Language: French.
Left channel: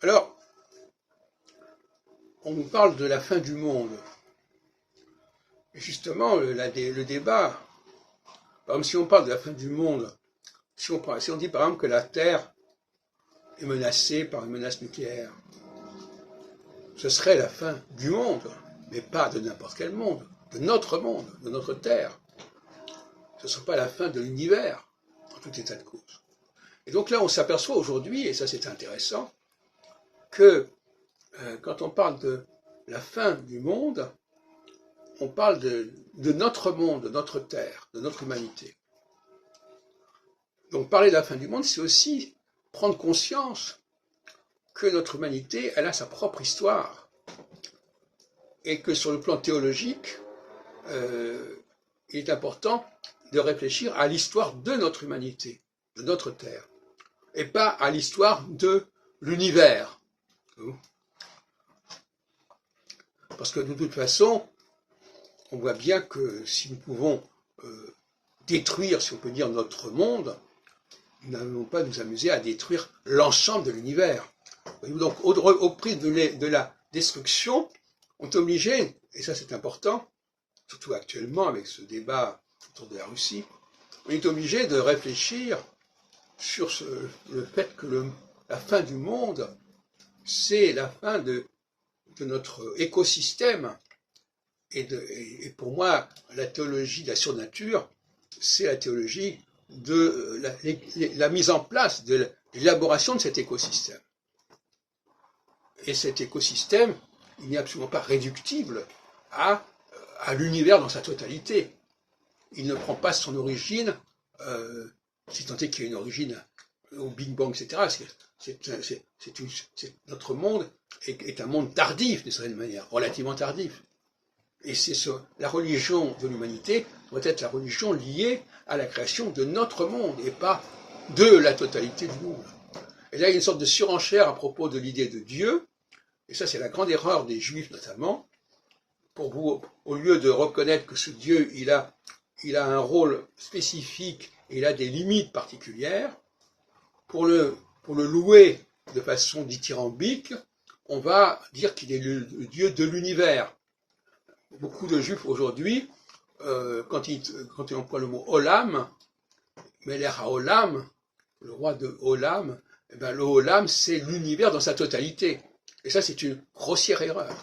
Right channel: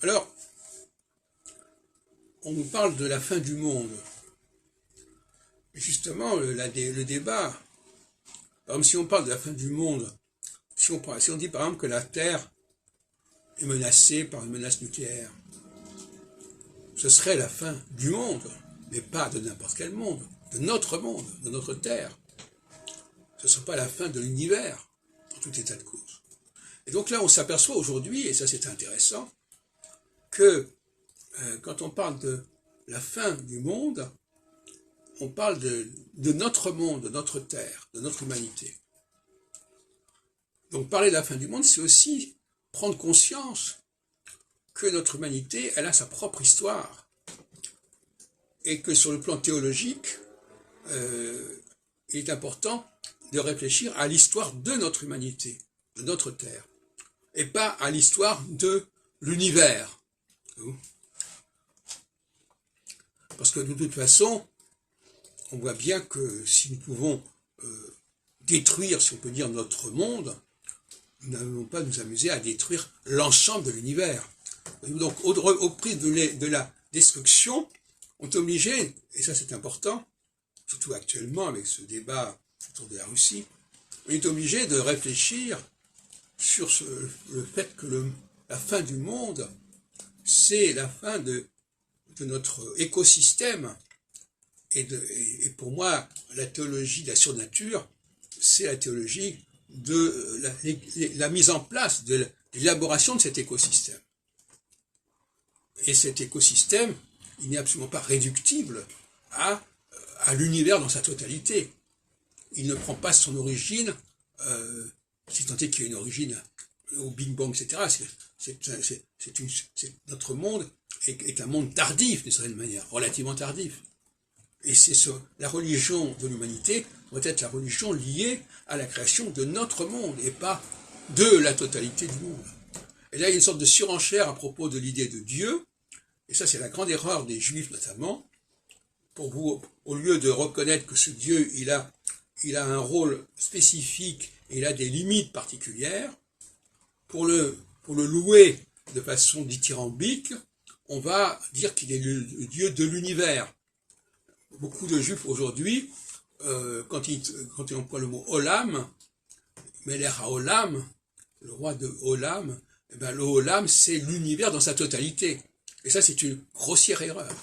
Alors, on nous parle de la fin du monde. Et justement, le débat, par exemple, si on parle de la fin du monde, si on dit par exemple que la Terre est menacée par une menace nucléaire, ce serait la fin du monde, mais pas de n'importe quel monde, de notre Terre. Ce ne serait pas la fin de l'univers, en tout état de cause. Et donc là, on s'aperçoit aujourd'hui, et ça c'est intéressant, que quand on parle de la fin du monde, on parle de notre monde, de notre Terre, de notre humanité. Donc parler de la fin du monde, c'est aussi prendre conscience que notre humanité, elle a sa propre histoire. Et que sur le plan théologique, il est important de réfléchir à l'histoire de notre humanité, de notre Terre, et pas à l'histoire de l'univers. Parce que de toute façon, on voit bien que si nous pouvons détruire, si on peut dire, notre monde, nous n'allons pas nous amuser à détruire l'ensemble de l'univers. Donc, au prix de la destruction, on est obligé, et ça c'est important, surtout actuellement avec ce débat autour de la Russie, on est obligé de réfléchir sur le fait que la fin du monde, c'est la fin de notre écosystème. Et pour moi, la théologie de la surnature, c'est la théologie de la mise en place, de l'élaboration de cet écosystème. Et cet écosystème, il n'est absolument pas réductible à l'univers dans sa totalité. Il ne prend pas son origine, si tant est qu'il y a une origine au Big Bang, etc. Notre monde est un monde tardif, d'une certaine manière, relativement tardif. Et c'est la religion de l'humanité doit être la religion liée à la création de notre monde, et pas de la totalité du monde. Et là, il y a une sorte de surenchère à propos de l'idée de Dieu, et ça c'est la grande erreur des Juifs notamment, au lieu de reconnaître que ce Dieu, il a un rôle spécifique, et il a des limites particulières, pour le louer de façon dithyrambique, on va dire qu'il est le Dieu de l'univers. Beaucoup de Juifs aujourd'hui, quand ils emploient le mot Olam, Melech HaOlam, le roi de Olam, eh ben, le Olam c'est l'univers dans sa totalité. Et ça c'est une grossière erreur.